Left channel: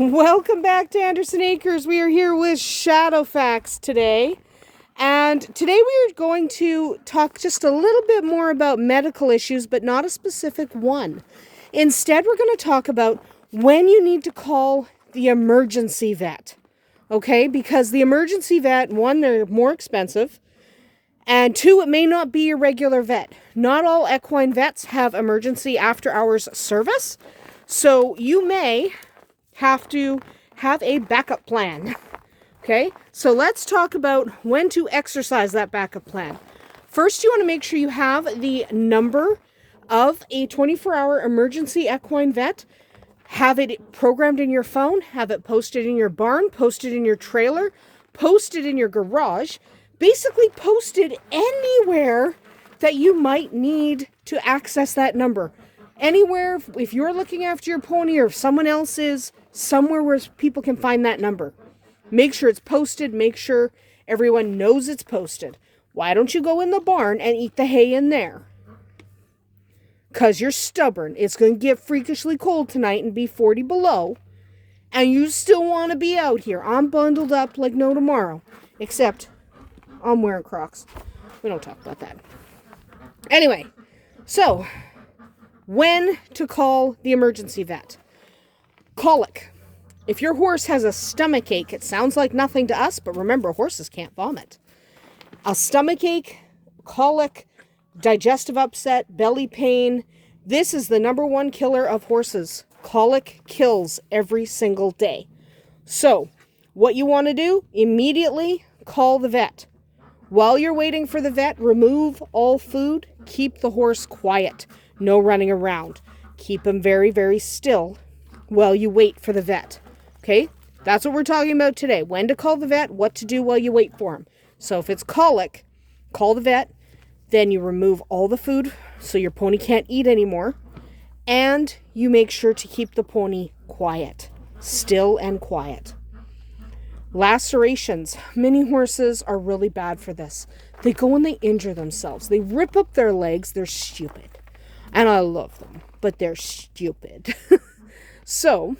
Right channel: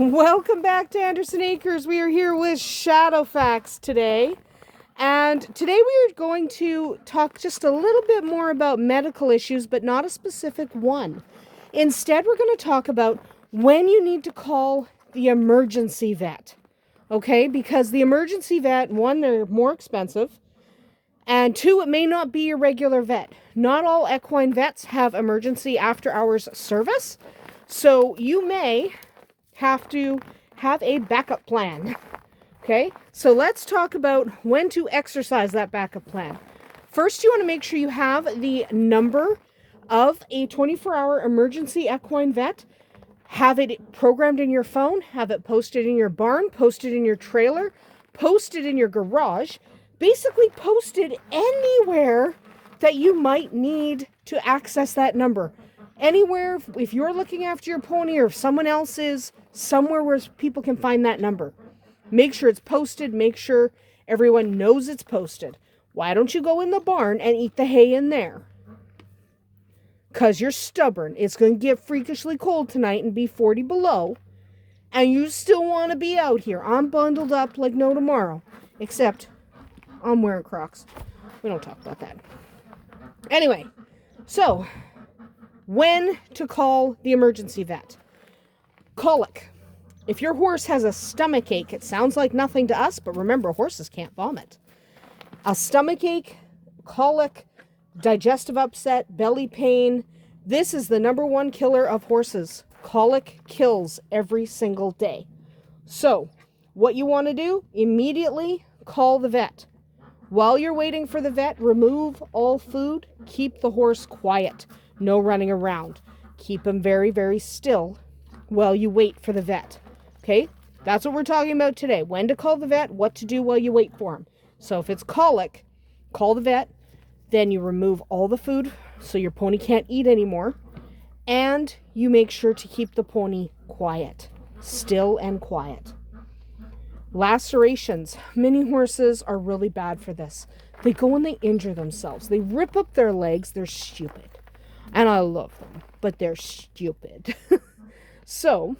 Welcome back to Andersen Acres. We are here with Shadow Facts today. And today we are going to talk just a little bit more about medical issues, but not a specific one. Instead, we're going to talk about when you need to call the emergency vet. Okay? Because the emergency vet, one, they're more expensive. And two, it may not be your regular vet. Not all equine vets have emergency after-hours service. So you may have to have a backup plan. Okay, so let's talk about when to exercise that backup plan. First, you want to make sure you have the number of a 24-hour emergency equine vet. Have it programmed in your phone, have it posted in your barn, posted in your trailer, posted in your garage, basically posted anywhere that you might need to access that number. Anywhere, if you're looking after your pony or if someone else is, somewhere where people can find that number. Make sure it's posted. Make sure everyone knows it's posted. Why don't you go in the barn and eat the hay in there? Because you're stubborn. It's going to get freakishly cold tonight and be 40 below. And you still want to be out here. I'm bundled up like no tomorrow. Except I'm wearing Crocs. We don't talk about that. Anyway, so when to call the emergency vet. Colic. If your horse has a stomach ache, it sounds like nothing to us, but remember, horses can't vomit. A stomach ache, colic, digestive upset, belly pain. This is the number one killer of horses. Colic kills every single day. So, what you want to do, immediately call the vet. While you're waiting for the vet, remove all food. Keep the horse quiet. No running around. Keep him very, very still while you wait for the vet. Okay, that's what we're talking about today. When to call the vet, what to do while you wait for him. So if it's colic, call the vet. Then you remove all the food so your pony can't eat anymore. And you make sure to keep the pony quiet. Still and quiet. Lacerations. Many horses are really bad for this. They go and they injure themselves. They rip up their legs. They're stupid. And I love them, but they're stupid. So,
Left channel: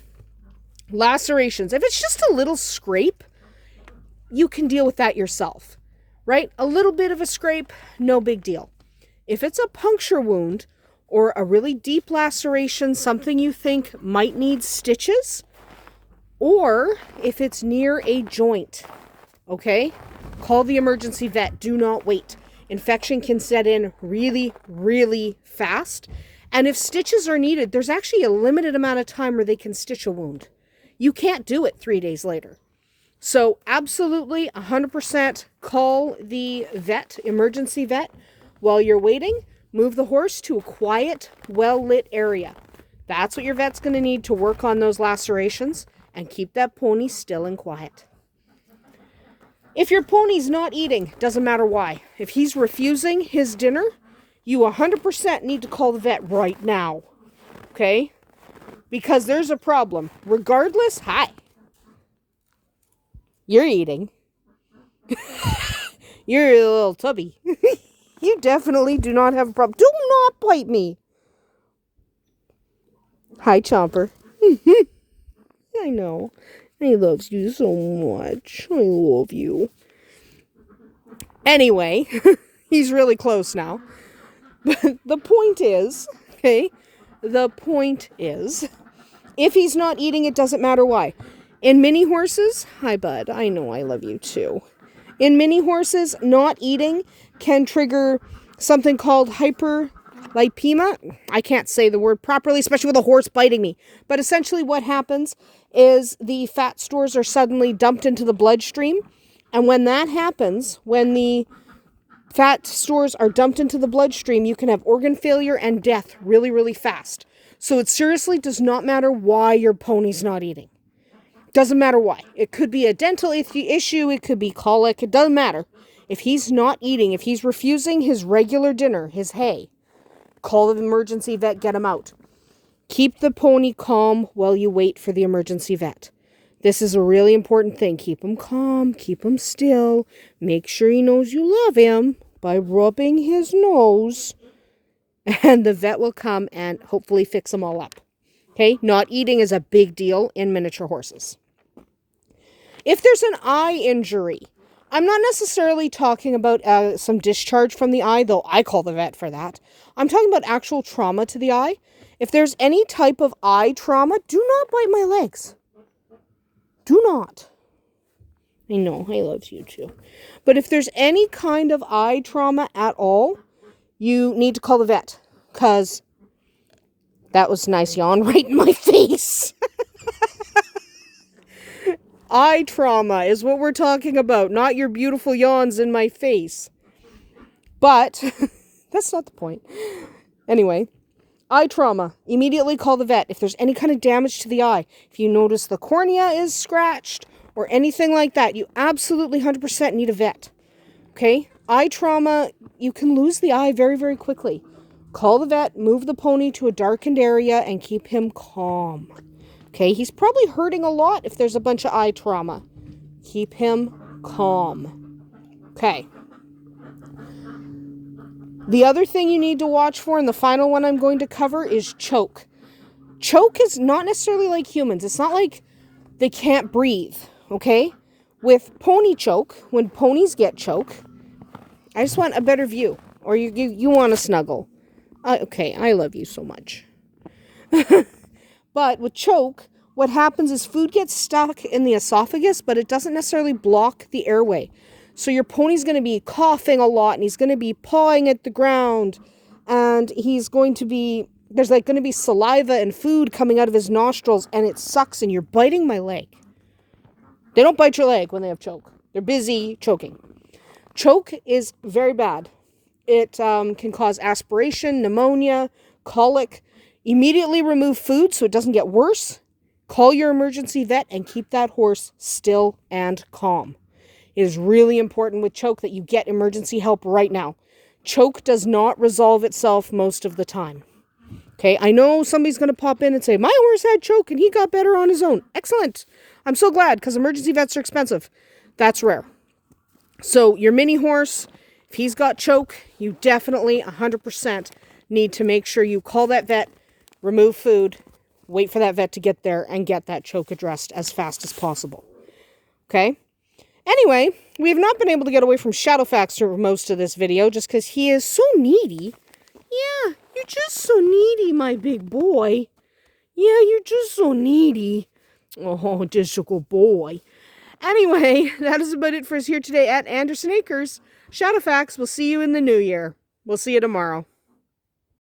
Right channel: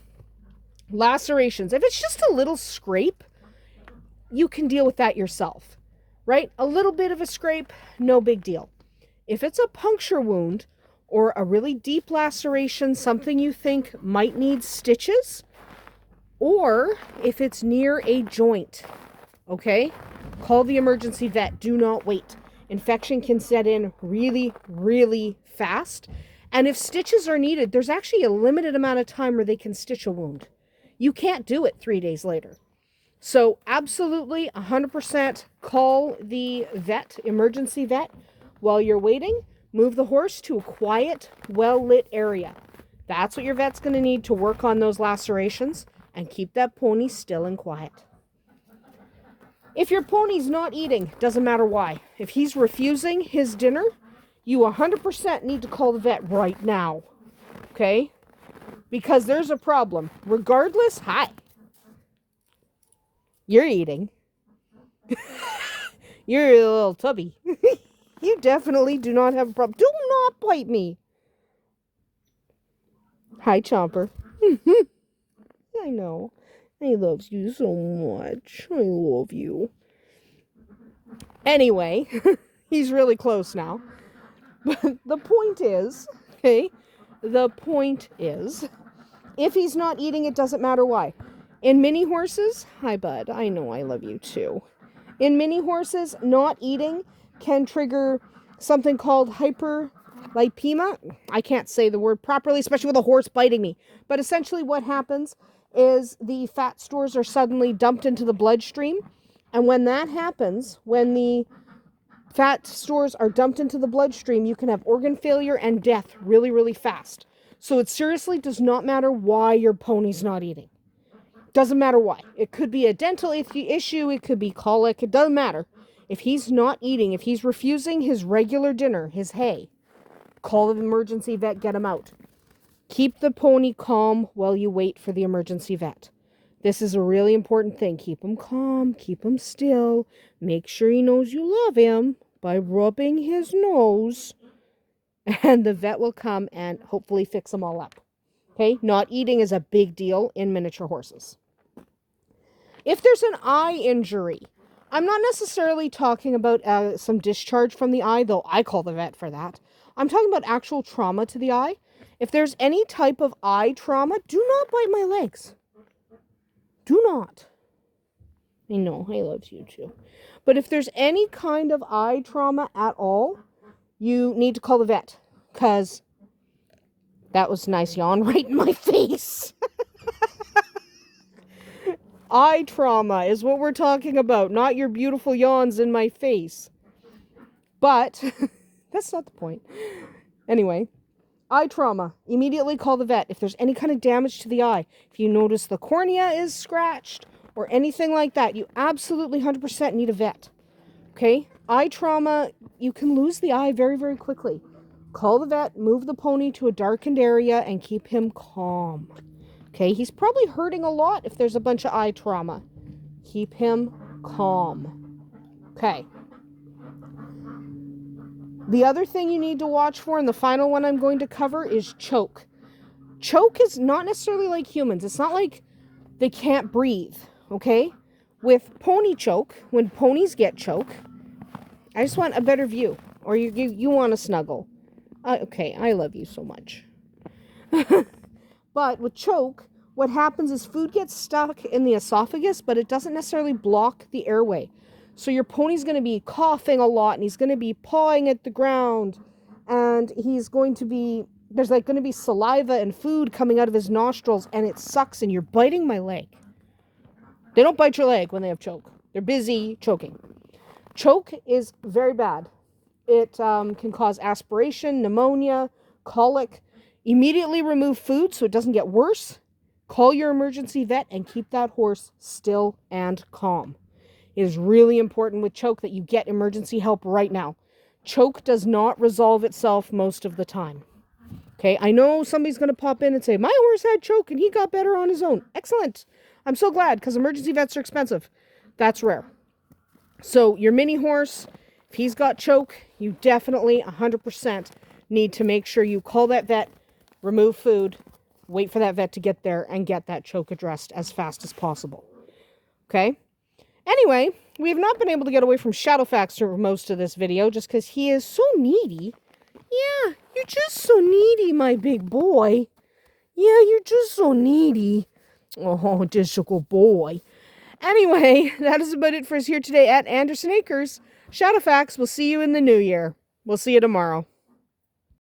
lacerations. If it's just a little scrape, you can deal with that yourself, right? A little bit of a scrape, no big deal. If it's a puncture wound or a really deep laceration, something you think might need stitches, or if it's near a joint, okay? Call the emergency vet. Do not wait. Infection can set in really, really fast. And if stitches are needed, there's actually a limited amount of time where they can stitch a wound. You can't do it 3 days later. So absolutely 100% call the vet, emergency vet. While you're waiting, move the horse to a quiet, well-lit area. That's what your vet's going to need to work on those lacerations and keep that pony still and quiet. If your pony's not eating, doesn't matter why. If he's refusing his dinner, you 100% need to call the vet right now. Okay? Because there's a problem. Regardless, hi. You're eating. You're a little tubby. You definitely do not have a problem. Do not bite me. Hi, Chomper. I know. He loves you so much. I love you. Anyway, he's really close now. The point is, okay? The point is, if he's not eating, it doesn't matter why. In mini horses, hi bud, I know I love you too. In mini horses, not eating can trigger something called hyperlipemia. I can't say the word properly, especially with a horse biting me. But essentially what happens is the fat stores are suddenly dumped into the bloodstream. And when that happens, when the fat stores are dumped into the bloodstream, you can have organ failure and death really, really fast. So it seriously does not matter why your pony's not eating. Doesn't matter why. It could be a dental issue. It could be colic. It doesn't matter. If he's not eating, if he's refusing his regular dinner, his hay, call the emergency vet, get him out. Keep the pony calm while you wait for the emergency vet. This is a really important thing. Keep him calm. Keep him still. Make sure he knows you love him by rubbing his nose. And the vet will come and hopefully fix them all up. Okay, not eating is a big deal in miniature horses. If there's an eye injury, I'm not necessarily talking about some discharge from the eye, though I call the vet for that. I'm talking about actual trauma to the eye. If there's any type of eye trauma, do not bite my legs. Do not. I know, I love you too. But if there's any kind of eye trauma at all, you need to call the vet. Because that was a nice yawn right in my face. Eye trauma is what we're talking about, not your beautiful yawns in my face. But that's not the point. Anyway, eye trauma. Immediately call the vet if there's any kind of damage to the eye. If you notice the cornea is scratched or anything like that, you absolutely 100% need a vet. Okay? Eye trauma, you can lose the eye very, very quickly. Call the vet, move the pony to a darkened area, and keep him calm. Okay? He's probably hurting a lot if there's a bunch of eye trauma. Keep him calm. Okay. The other thing you need to watch for, and the final one I'm going to cover, is choke. Choke is not necessarily like humans. It's not like they can't breathe, okay? With pony choke, when ponies get choke, I just want a better view. Or you want to snuggle. Okay, I love you so much. But with choke, what happens is food gets stuck in the esophagus, but it doesn't necessarily block the airway. So your pony's going to be coughing a lot, and he's going to be pawing at the ground, and he's going to be, there's like going to be saliva and food coming out of his nostrils, and it sucks, and you're biting my leg. They don't bite your leg when they have choke. They're busy choking. Choke is very bad. It can cause aspiration, pneumonia, colic. Immediately remove food so it doesn't get worse. Call your emergency vet and keep that horse still and calm. It is really important with choke that you get emergency help right now. Choke does not resolve itself most of the time. Okay, I know somebody's going to pop in and say, my horse had choke and he got better on his own. Excellent. I'm so glad, because emergency vets are expensive. That's rare. So your mini horse, if he's got choke, you definitely 100% need to make sure you call that vet, remove food, wait for that vet to get there, and get that choke addressed as fast as possible. Okay? Anyway, we have not been able to get away from Shadowfax for most of this video just because he is so needy. Yeah, you're just so needy, my big boy. Yeah, you're just so needy. Oh, just a good boy. Anyway, that is about it for us here today at Andersen Acres. Shadowfax, we'll see you in the new year. We'll see you tomorrow.